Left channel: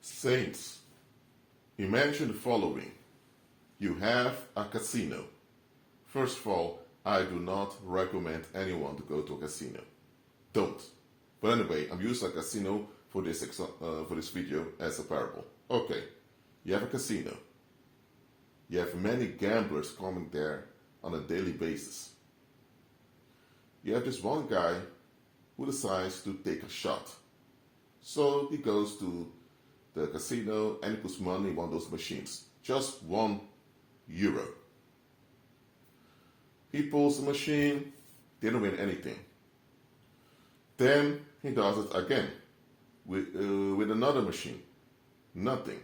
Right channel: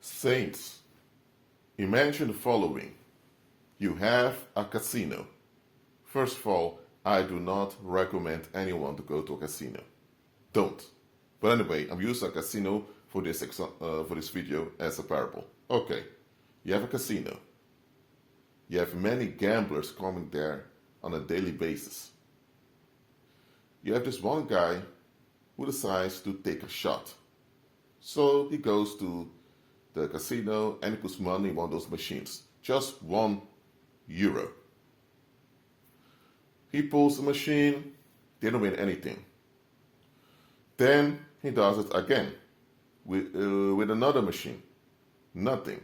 Saints, imagine the following. You have a casino. First of all, I do not recommend anyone to go to a casino. Don't. But anyway, I'm using a casino for this video as a parable. Okay, you have a casino. You have many gamblers coming there on a daily basis. You have this one guy who decides to take a shot. So he goes to the casino and he puts money in one of those machines. Just €1. He pulls the machine, didn't win anything. Then he does it again with another machine. Nothing.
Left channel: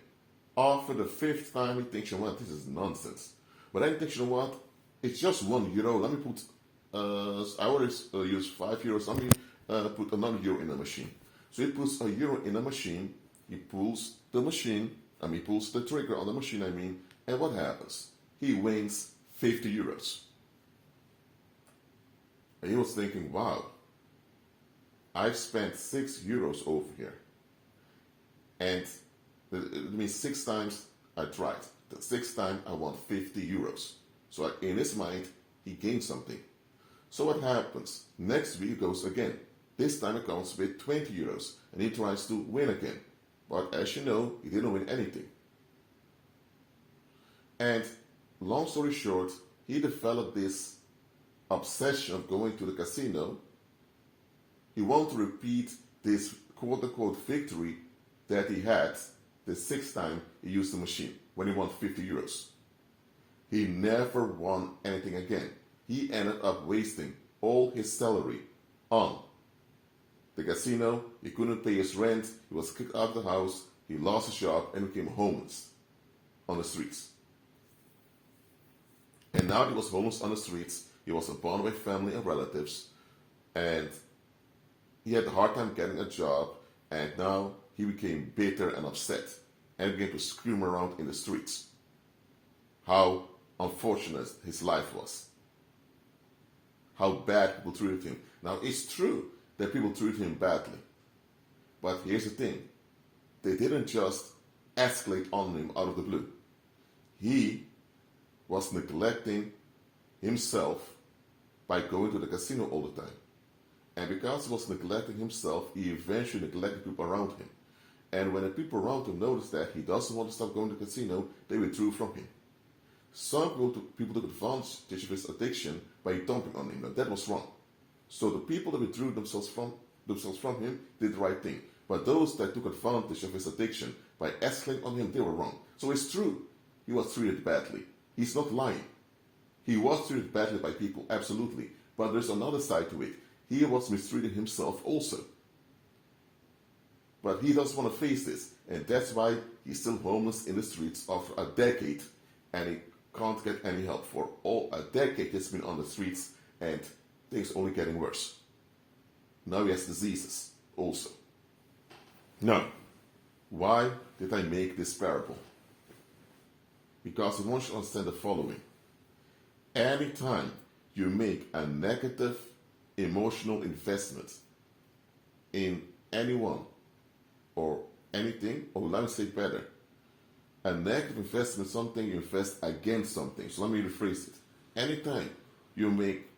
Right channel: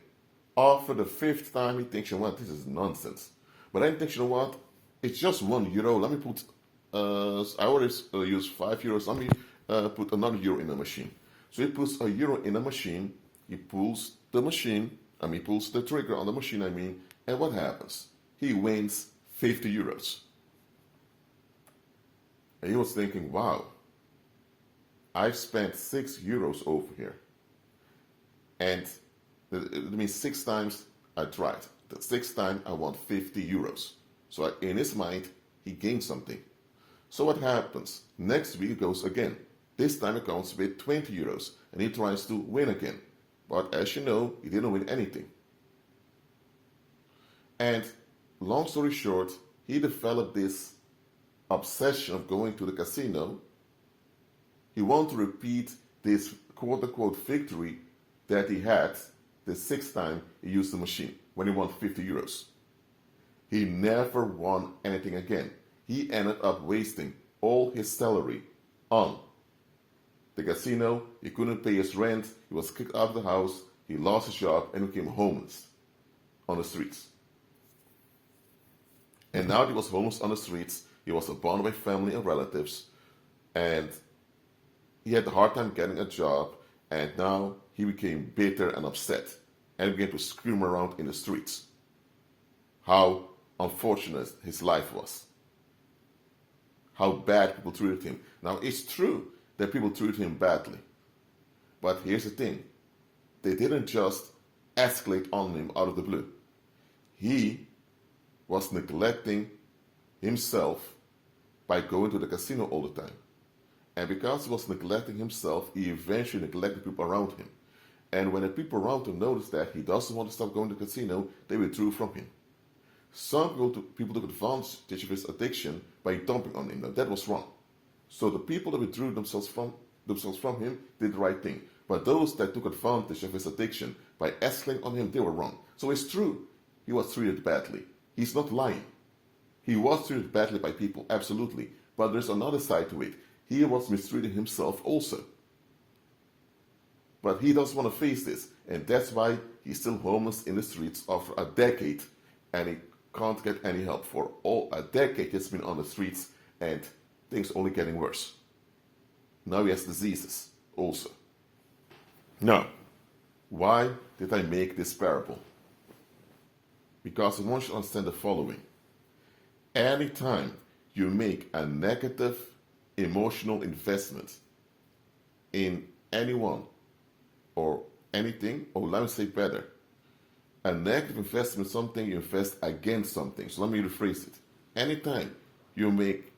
After the fifth time, he thinks, you know what, this is nonsense. But then he thinks, you know what, it's just €1. Let me put, I always use €5. Let me put another euro in the machine. So he puts €1 in the machine. He pulls the pulls the trigger on the machine, and what happens? He wins €50. And he was thinking, wow, I've spent €6 over here. And it means 6 times I tried. The 6th time I won €50. So in his mind, he gained something. So what happens? Next week he goes again. This time it comes with €20 and he tries to win again. But as you know, he didn't win anything. And long story short, he developed this obsession of going to the casino. He wanted to repeat this quote-unquote victory that he had the 6th time he used the machine, when he won €50. He never won anything again. He ended up wasting all his salary on the casino. He couldn't pay his rent, he was kicked out of the house, he lost his job, and became homeless on the streets. And now he was homeless on the streets. He was abandoned by family and relatives, and he had a hard time getting a job, and now he became bitter and upset and began to scream around in the streets how unfortunate his life was, how bad people treated him. Now, it's true that people treated him badly, but here's the thing. They didn't just escalate on him out of the blue. He was neglecting himself by going to the casino all the time. And because he was neglecting himself, he eventually neglected people around him. And when the people around him noticed that he doesn't want to stop going to the casino, they withdrew from him. Some people took advantage of his addiction by dumping on him, and that was wrong. So the people that withdrew themselves from him did the right thing. But those that took advantage of his addiction by escalating on him, they were wrong. So it's true, he was treated badly. He's not lying. He was treated badly by people, absolutely. But there's another side to it. He was mistreating himself also. But he doesn't want to face this. And that's why he's still homeless in the streets after a decade. And he can't get any help. For a decade he's been on the streets and things only getting worse. Now he has diseases also. Now, why did I make this parable? Because I want you to understand the following. Anytime you make a negative emotional investment in anyone or anything, or let me say better, a negative investment is something you invest against something. So let me rephrase it. Anytime you make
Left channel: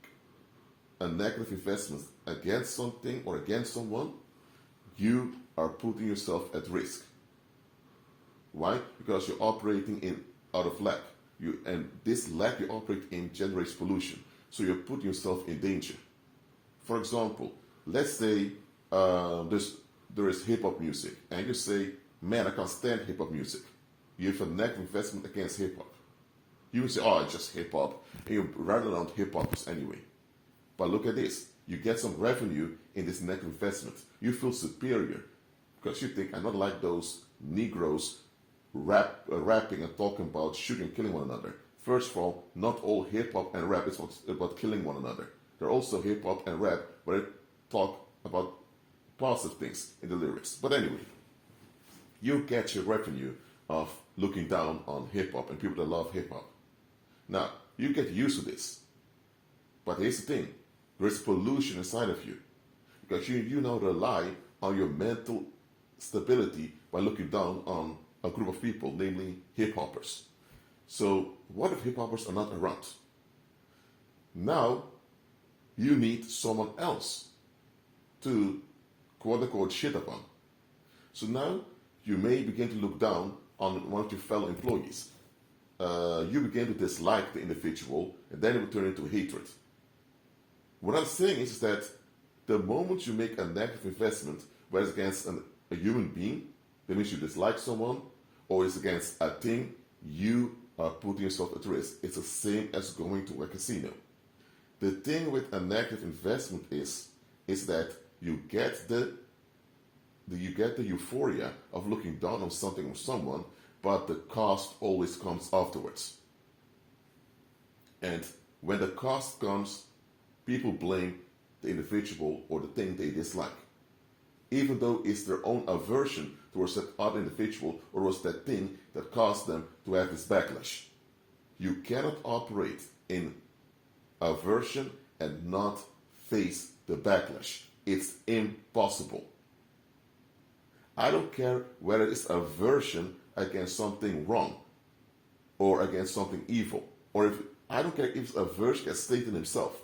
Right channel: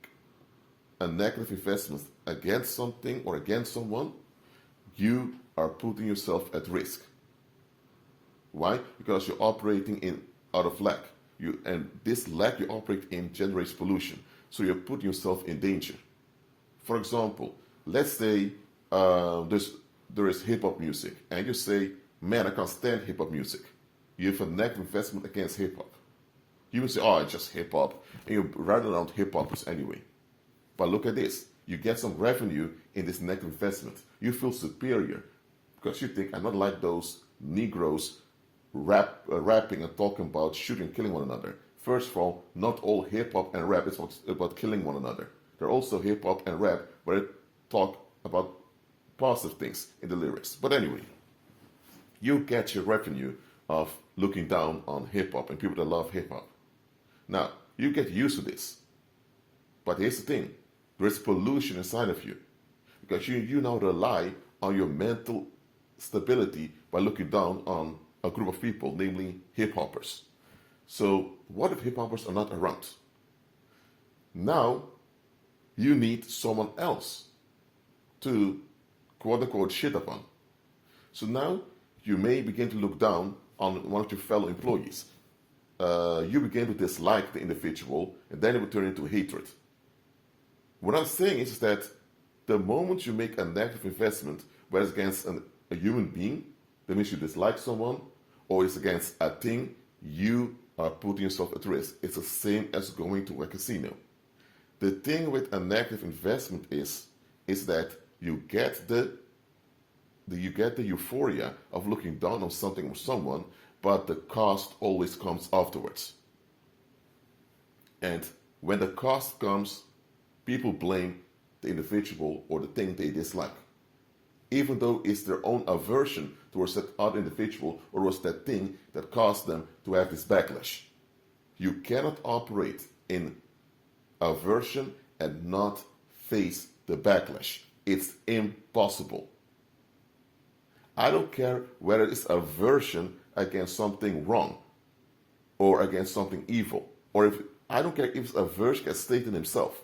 a negative investment against something or against someone, you are putting yourself at risk. Why? Because you're operating out of lack. And this lack you operate in generates pollution. So you're putting yourself in danger. For example, let's say there is hip-hop music, and you say, man, I can't stand hip-hop music. You have a negative investment against hip-hop. You will say, oh, it's just hip-hop, and you run around hip-hoppers anyway. But look at this. You get some revenue in this negative investment. You feel superior because you think, I'm not like those Negroes rapping and talking about shooting and killing one another. First of all, not all hip-hop and rap is about killing one another. There are also hip-hop and rap where they talk about positive things in the lyrics. But anyway, you get your revenue of looking down on hip-hop and people that love hip-hop. Now, you get used to this. But here's the thing. There's pollution inside of you. Because you now rely on your mental stability by looking down on a group of people, namely hip hoppers. So, what if hip hoppers are not around? Now, you need someone else to quote unquote shit upon. So now you may begin to look down on one of your fellow employees. You begin to dislike the individual, and then it will turn into hatred. What I'm saying is that the moment you make a negative investment, whether it's against a human being, that means you dislike someone, or it's against a thing, you are putting yourself at risk. It's the same as going to a casino. The thing with a negative investment is that you get the euphoria of looking down on something or someone, but the cost always comes afterwards. And when the cost comes, people blame the individual or the thing they dislike, even though it's their own aversion towards that other individual or was that thing that caused them to have this backlash. You cannot operate in aversion and not face the backlash. It's impossible. I don't care whether it's aversion against something wrong or against something evil, or I don't care if it's aversion against Satan himself.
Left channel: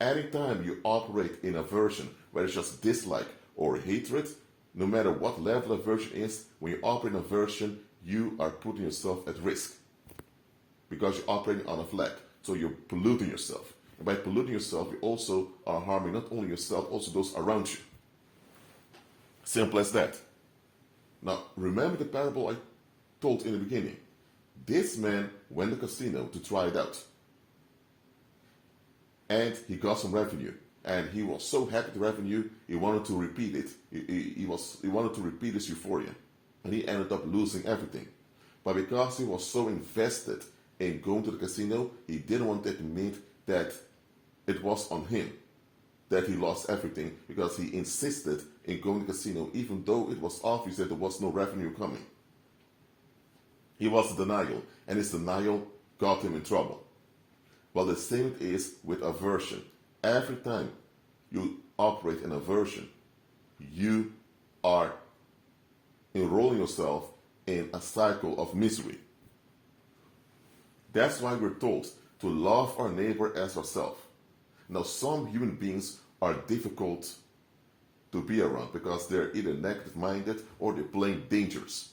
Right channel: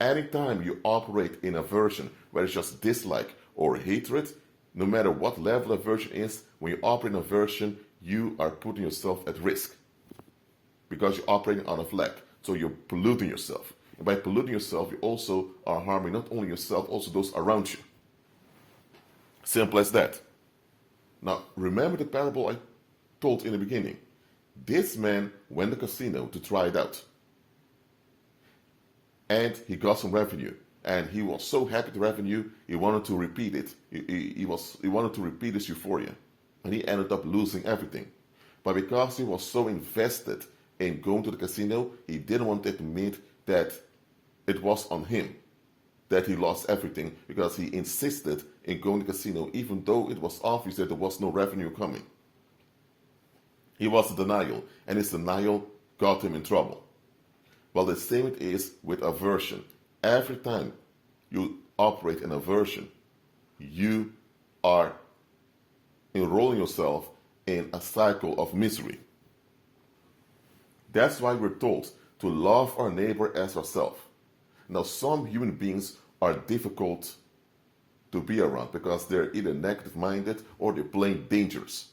Anytime you operate in aversion, whether it's just dislike or hatred, no matter what level aversion is, when you operate in aversion, you are putting yourself at risk because you're operating out of lack. So you're polluting yourself. And by polluting yourself, you also are harming not only yourself, also those around you. Simple as that. Now, remember the parable I told in the beginning. This man went to the casino to try it out. And he got some revenue. And he was so happy with the revenue, he wanted to repeat it. He wanted to repeat this euphoria. And he ended up losing everything. But because he was so invested in going to the casino, he didn't want to admit that it was on him that he lost everything, because he insisted in going to the casino even though it was obvious that there was no revenue coming. He was in denial, and his denial got him in trouble. Well, the same it is with aversion. Every time you operate in aversion, you are enrolling yourself in a cycle of misery. That's why we're told to love our neighbor as ourselves. Now, some human beings are difficult to be around because they're either negative-minded or they're plain dangerous.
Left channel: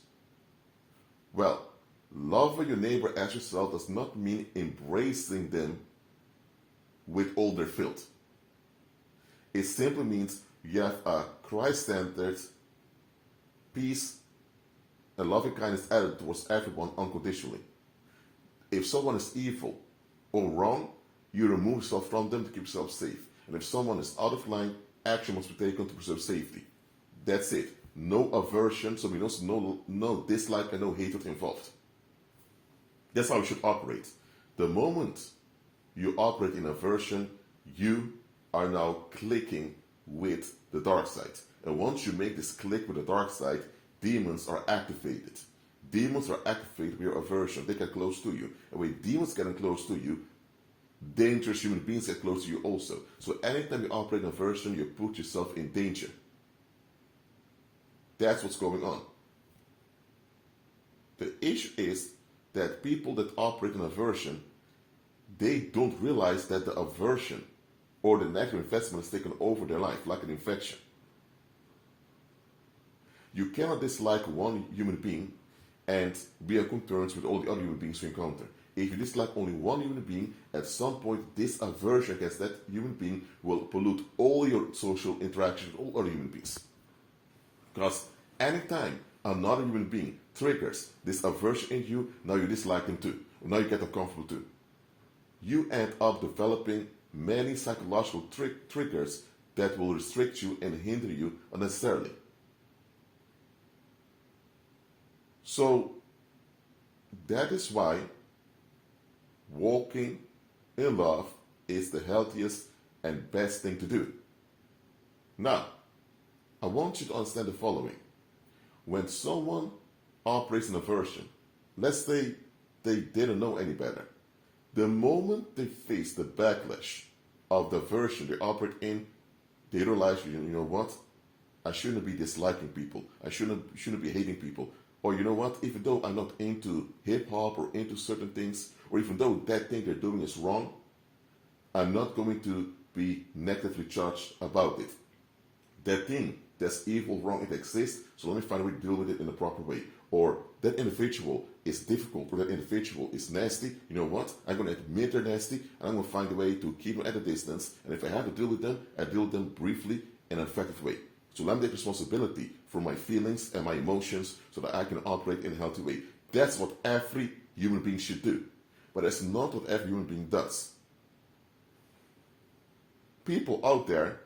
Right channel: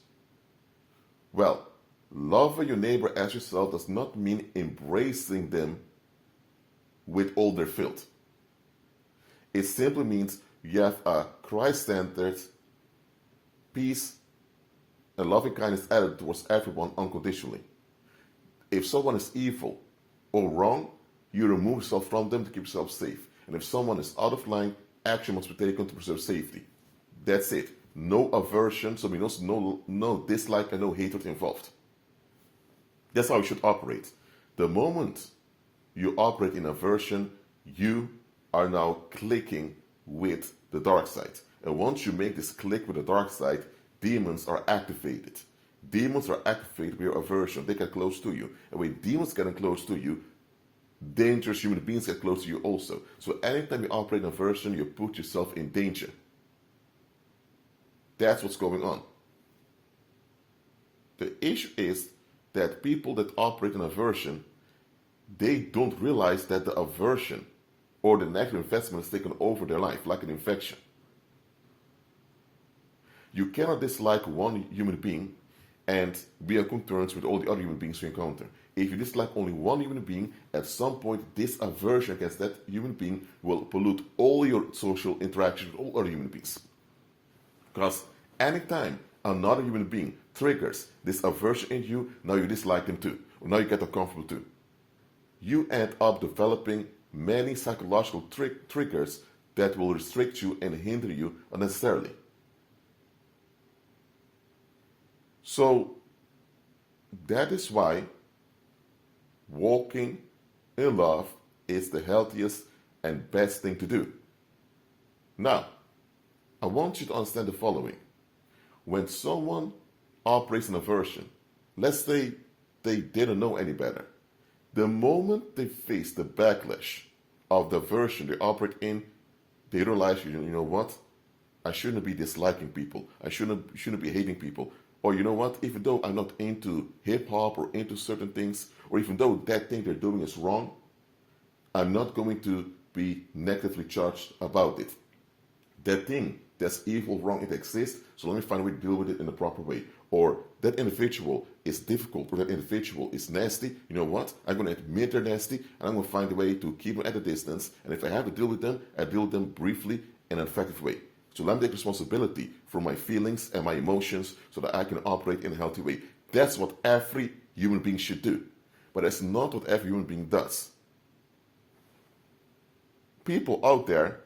Well, loving your neighbor as yourself does not mean embracing them with all their filth. It simply means you have a Christ-centered, peace, and loving kindness attitude towards everyone unconditionally. If someone is evil or wrong, you remove yourself from them to keep yourself safe. And if someone is out of line, action must be taken to preserve safety. That's it. No aversion, so means no dislike and no hatred involved. That's how you should operate. The moment you operate in aversion, you are now clicking with the dark side. And once you make this click with the dark side, demons are activated. Demons are activated with your aversion. They get close to you. And when demons get close to you, dangerous human beings get close to you also. So anytime you operate in aversion, you put yourself in danger. That's what's going on. The issue is that people that operate in aversion, they don't realize that the aversion or the negative investment has taken over their life like an infection. You cannot dislike one human being and be on terms with all the other human beings you encounter. If you dislike only one human being, at some point this aversion against that human being will pollute all your social interactions with all other human beings. Because anytime another human being triggers this aversion in you, now you dislike them too. Or now you get uncomfortable too. You end up developing many psychological triggers that will restrict you and hinder you unnecessarily. So that is why walking in love is the healthiest and best thing to do. Now, I want you to understand the following. When someone operates in aversion, let's say they didn't know any better, the moment they face the backlash of the aversion they operate in, they realize, you know what? I shouldn't be disliking people. I shouldn't be hating people. Or you know what? Even though I'm not into hip hop or into certain things, or even though that thing they're doing is wrong, I'm not going to be negatively charged about it. That thing that's evil, wrong, it exists, so let me find a way to deal with it in a proper way. Or that individual is difficult, or that individual is nasty. You know what? I'm going to admit they're nasty, and I'm going to find a way to keep them at a distance. And if I have to deal with them, I deal with them briefly in an effective way. So let me take responsibility for my feelings and my emotions so that I can operate in a healthy way. That's what every human being should do. But that's not what every human being does. People out there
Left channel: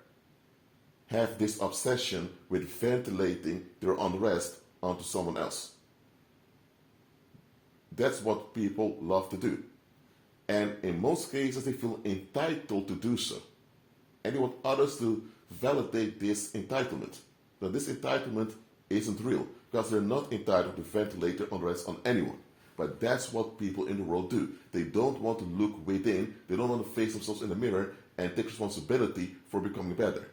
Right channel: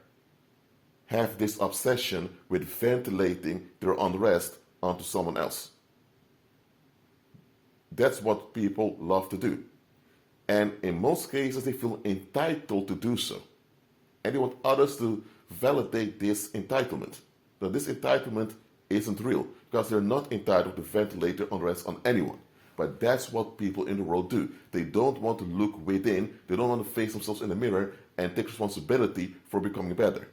have this obsession with ventilating their unrest onto someone else. That's what people love to do. And in most cases, they feel entitled to do so. And they want others to validate this entitlement. Now, this entitlement isn't real because they're not entitled to ventilate their unrest on anyone. But that's what people in the world do. They don't want to look within, they don't want to face themselves in the mirror and take responsibility for becoming better.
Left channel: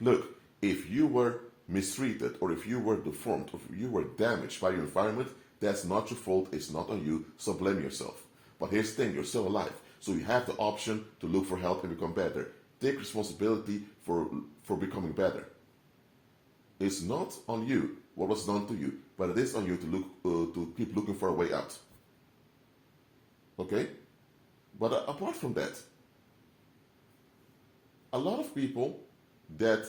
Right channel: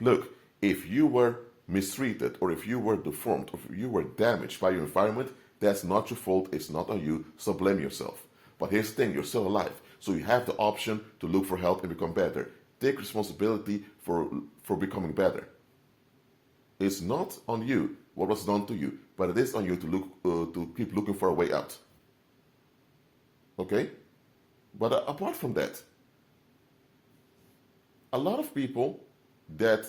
Look, if you were mistreated, or if you were deformed, or if you were damaged by your environment, that's not your fault, it's not on you, so blame yourself. But here's the thing, you're still alive, so you have the option to look for help and become better. Take responsibility for becoming better. It's not on you what was done to you, but it is on you to keep looking for a way out. Okay? But apart from that, a lot of people that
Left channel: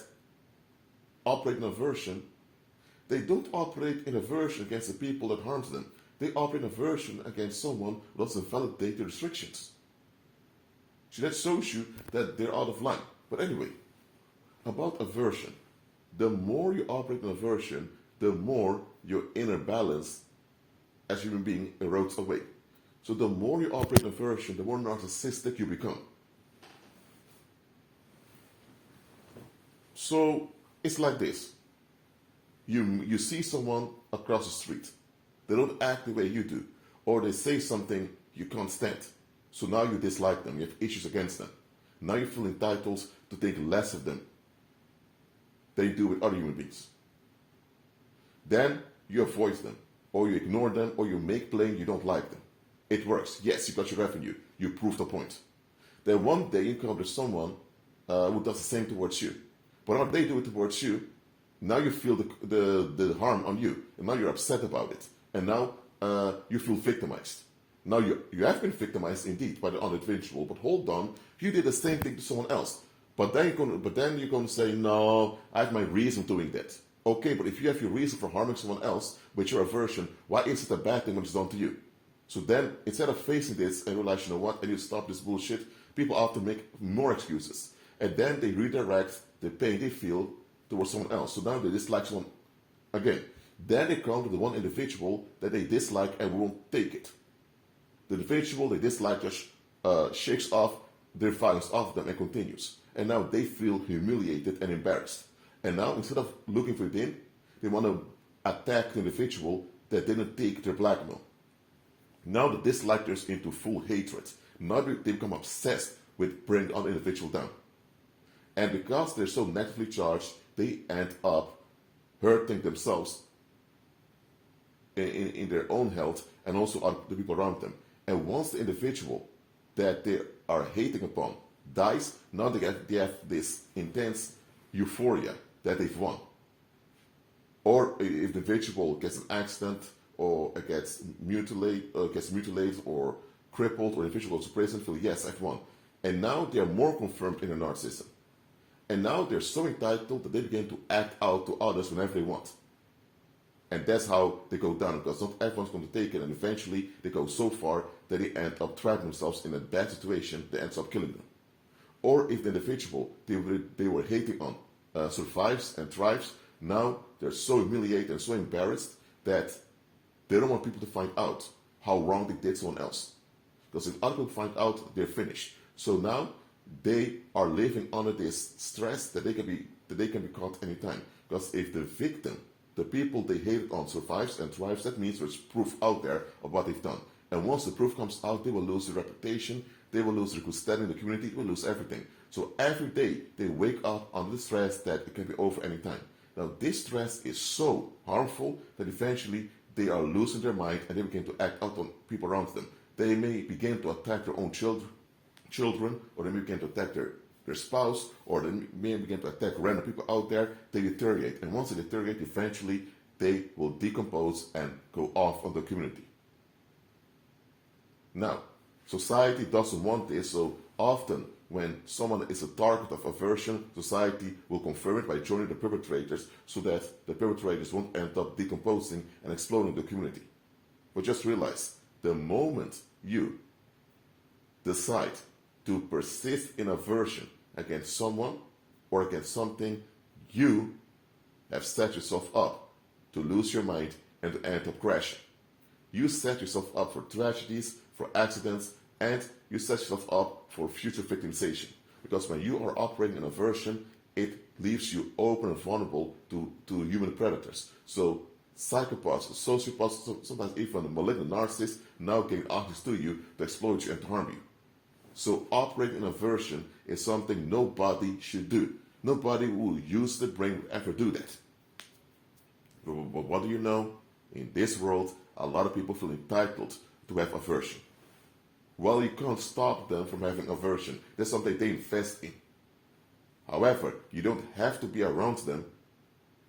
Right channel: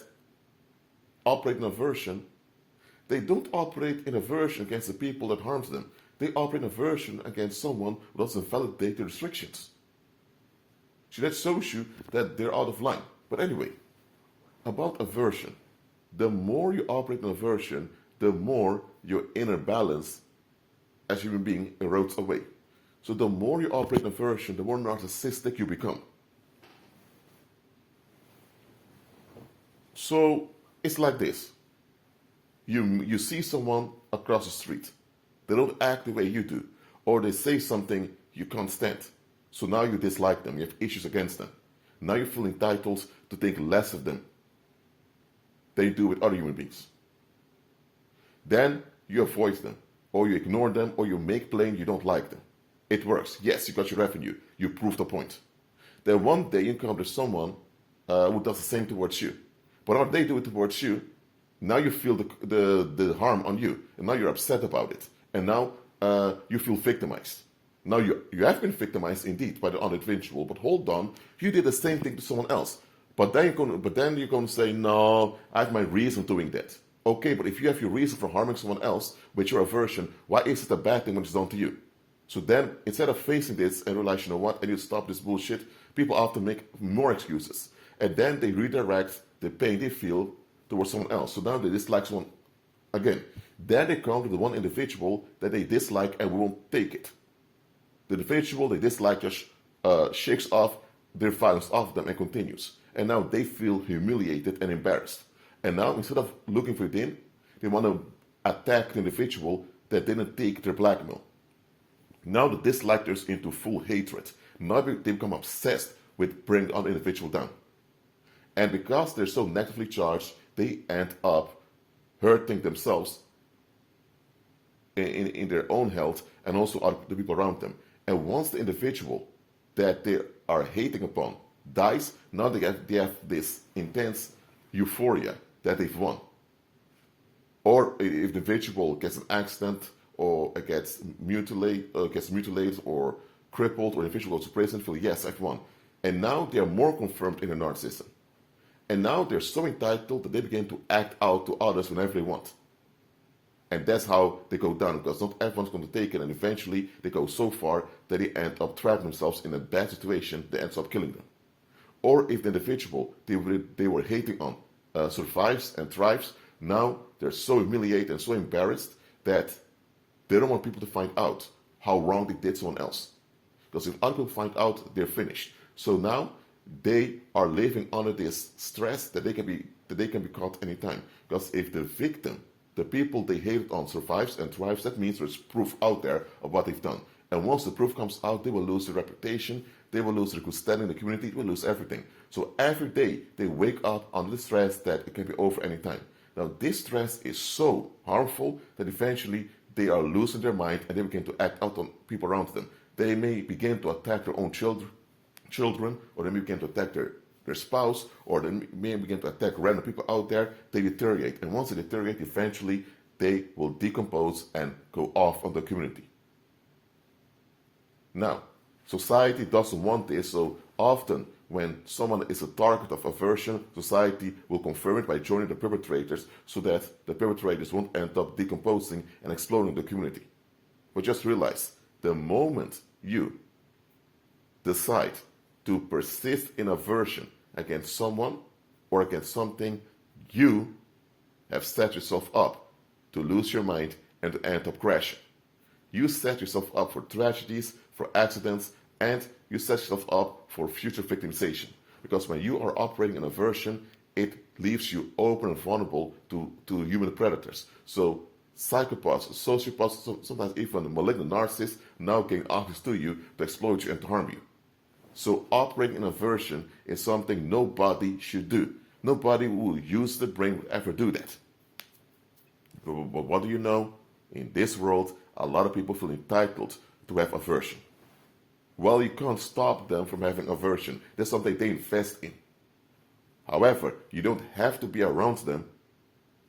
operate in aversion, they don't operate in aversion against the people that harms them. They operate in aversion against someone who doesn't validate the restrictions. So that shows you that they're out of line. But anyway, about aversion. The more you operate in aversion, the more your inner balance as a human being erodes away. So the more you operate in aversion, the more narcissistic you become. So it's like this. You see someone across the street. They don't act the way you do. Or they say something you can't stand. So now you dislike them. You have issues against them. Now you feel entitled to think less of them than you do with other human beings. Then you avoid them. Or you ignore them. Or you make plain you don't like them. It works. Yes, you got your revenue. You proved the point. Then one day you encounter someone who does the same towards you. But when they do it towards you, now you feel the harm on you. And now you're upset about it. And now you feel victimized. Now you have been victimized indeed by the other individual. But hold on, you did the same thing to someone else. But then you're going to say, no, I have my reason doing that. Okay, but if you have your reason for harming someone else with your aversion, why is it a bad thing when it's done to you? So then, instead of facing this and realize, you know what, I need to stop this bullshit, people often make more excuses. And then they redirect the pain they feel towards someone else. So now they dislike someone again. Then they come to the one individual that they dislike and won't take it. The individual they dislike just shakes off their violence off them and continues. And now they feel humiliated and embarrassed. And now instead of looking within, they want to attack the individual that didn't take their blackmail. Now the dislike turns into full hatred. Now they become obsessed with bringing the other individual down. And because they're so negatively charged, they end up hurting themselves in their own health and also the people around them. And once the individual that they are hating upon dies, now they have this intense euphoria that they've won. Or if the individual gets an accident or gets mutilated or crippled, or the individual goes to prison, feel, yes, I've won. And now they are more confirmed in their narcissism. And now they're so entitled that they begin to act out to others whenever they want. And that's how they go down, because not everyone's going to take it, and eventually they go so far that they end up trapping themselves in a bad situation that ends up killing them. Or if the individual they were hating on survives and thrives, now they're so humiliated and so embarrassed that they don't want people to find out how wrong they did someone else. Because if other people find out, they're finished. So now they are living under this stress that they can be caught anytime. Because if the victim, the people they hated on, survives and thrives, that means there's proof out there of what they've done. And once the proof comes out, they will lose their reputation, they will lose their good standing in the community, they will lose everything. So every day they wake up under the stress that it can be over anytime. Now this stress is so harmful that eventually they are losing their mind and they begin to act out on people around them. They may begin to attack their own children, or they may begin to attack their spouse, or they may begin to attack random people out there. They deteriorate, and once they deteriorate, eventually they will decompose and go off on the community. Now, society doesn't want this, so often when someone is a target of aversion, society will confirm it by joining the perpetrators so that the perpetrators won't end up decomposing and exploding the community. But just realize, the moment you decide to persist in aversion against someone or against something, you have set yourself up to lose your mind and to end up crashing. You set yourself up for tragedies, for accidents, and you set yourself up for future victimization. Because when you are operating in aversion, it leaves you open and vulnerable to human predators. So psychopaths, sociopaths, sometimes even the malignant narcissists now gain access to you to exploit you and to harm you. So operating in aversion is something nobody should do. Nobody who will use the brain will ever do that. But what do you know? In this world, a lot of people feel entitled to have aversion. Well, you can't stop them from having aversion. That's something they invest in. However, you don't have to be around them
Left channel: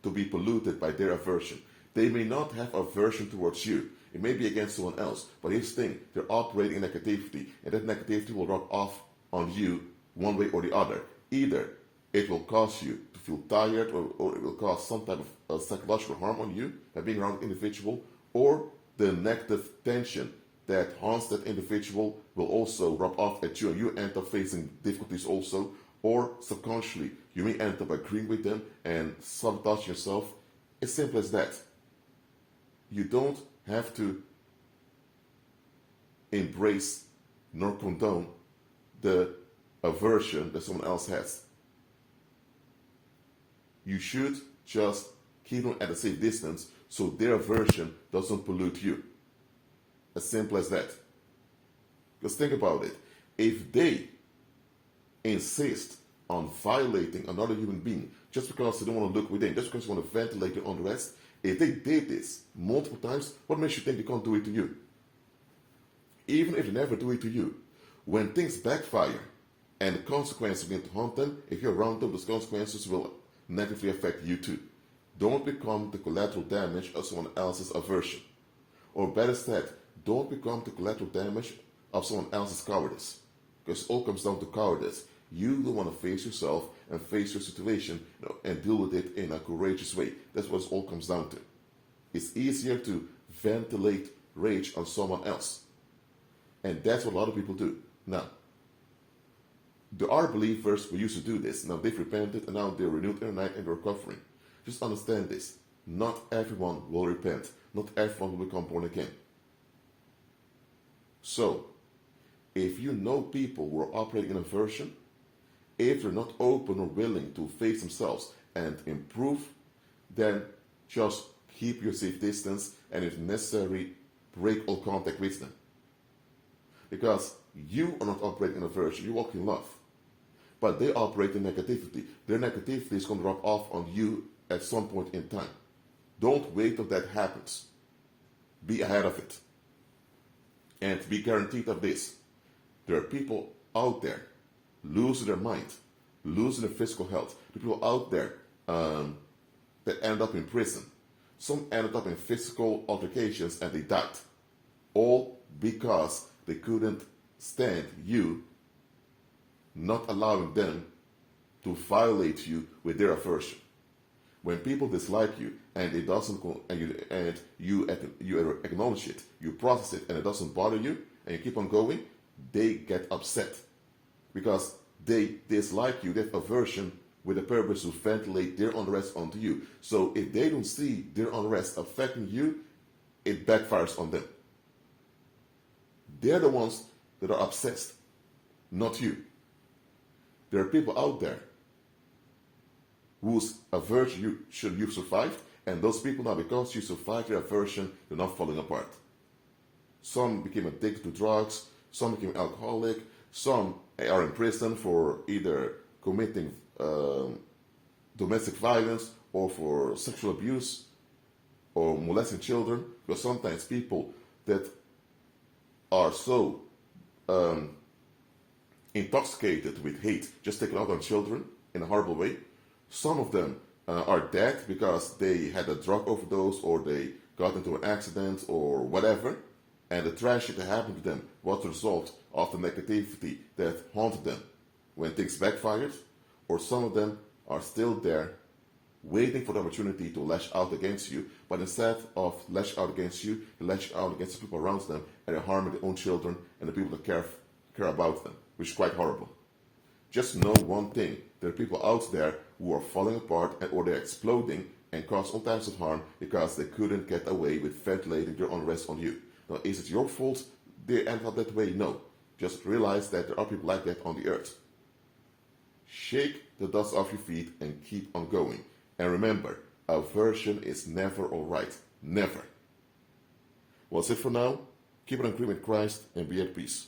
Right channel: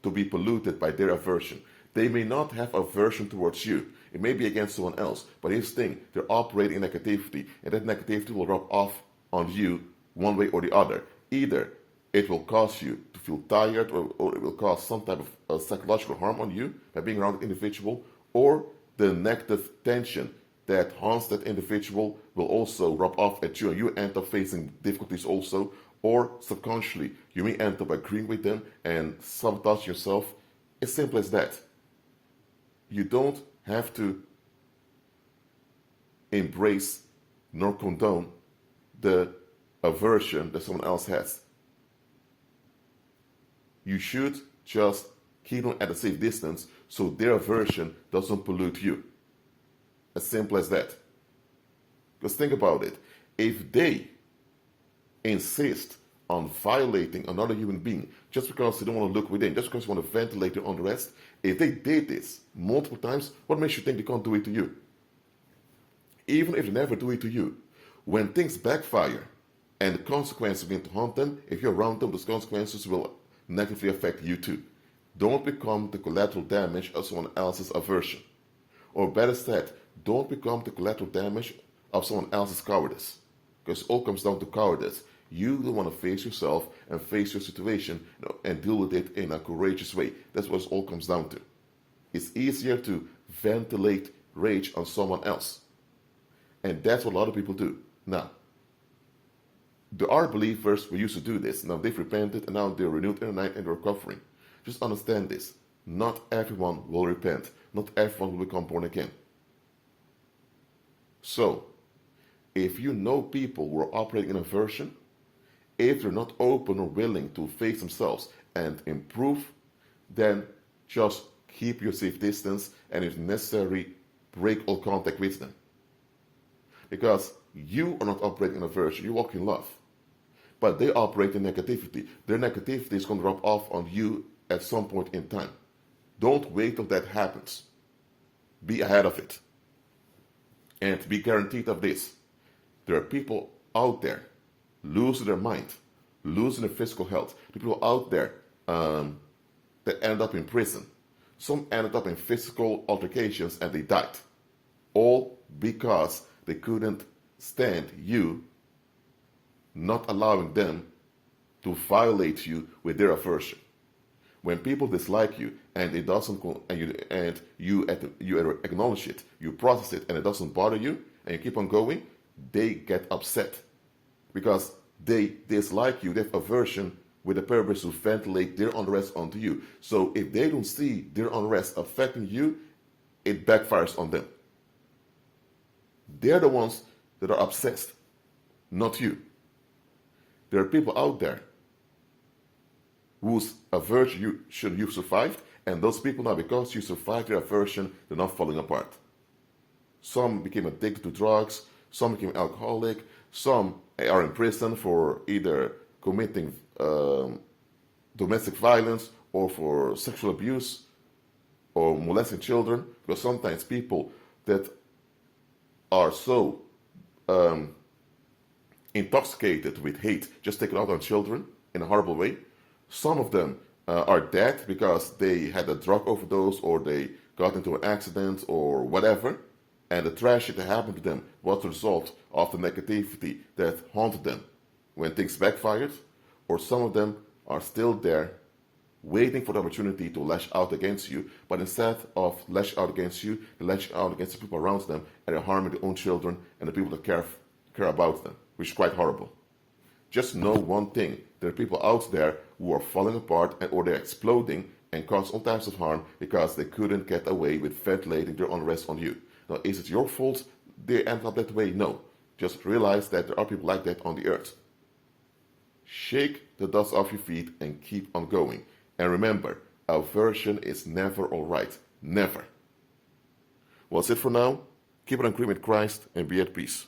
to be polluted by their aversion. They may not have aversion towards you. It may be against someone else. But here's the thing, they're operating in negativity. And that negativity will rub off on you one way or the other. Either it will cause you to feel tired, or it will cause some type of psychological harm on you by being around an individual, or the negative tension that haunts that individual will also rub off at you, and you end up facing difficulties also, or subconsciously you may end up agreeing with them and sabotage yourself. It's simple as that. You don't have to embrace nor condone the aversion that someone else has. You should just keep them at a safe distance so their aversion doesn't pollute you. As simple as that. Because think about it. If they insist on violating another human being just because they don't want to look within, just because they want to ventilate their unrest, if they did this multiple times, what makes you think they can't do it to you? Even if they never do it to you, when things backfire and the consequences begin to haunt them, if you're around them, those consequences will negatively affect you too. Don't become the collateral damage of someone else's aversion. Or better said, don't become the collateral damage of someone else's cowardice. Because it all comes down to cowardice. You don't want to face yourself and face your situation, and deal with it in a courageous way. That's what it all comes down to. It's easier to ventilate rage on someone else. And that's what a lot of people do. Now, there are believers who used to do this. Now they've repented and now they're renewed in and they're recovering. Just understand this. Not everyone will repent. Not everyone will become born again. So, if you know people who are operating in aversion, if they're not open or willing to face themselves and improve, then just keep your safe distance and if necessary, break all contact with them. Because you are not operating in aversion, you walk in love. But they operate in negativity. Their negativity is going to rub off on you at some point in time. Don't wait till that happens. Be ahead of it. And be guaranteed of this. There are people out there losing their mind, losing their physical health. The people out there that end up in prison. Some ended up in physical altercations and they died. All because they couldn't stand you not allowing them to violate you with their aversion. When people dislike you and it doesn't, and you acknowledge it, you process it, and it doesn't bother you, and you keep on going, they get upset because they dislike you. They have aversion with the purpose to ventilate their unrest onto you. So if they don't see their unrest affecting you, it backfires on them. They're the ones that are obsessed, not you. There are people out there whose aversion you survived, and those people now, because you survived their aversion, they're not falling apart. Some became addicted to drugs, some became alcoholic, Some are in prison for either committing domestic violence or for sexual abuse or molesting children, because sometimes people that are so intoxicated with hate just take it out on children in a horrible way. Some of them are dead because they had a drug overdose or they got into an accident or whatever, and the tragedy that happened to them was the result of the negativity that haunted them when things backfired. Or some of them are still there waiting for the opportunity to lash out against you, but instead of lash out against you, they lash out against the people around them, and they're harming their own children and the people that care about them, which is quite horrible. Just know one thing: there are people out there who are falling apart or they're exploding and cause all types of harm because they couldn't get away with ventilating their unrest on you. Now, is it your fault they end up that way? No. Just realize that there are people like that on the earth. Shake the dust off your feet and keep on going. And remember, aversion is never alright. Never. Well, that's it for now. Keep on agreeing with Christ and be at peace.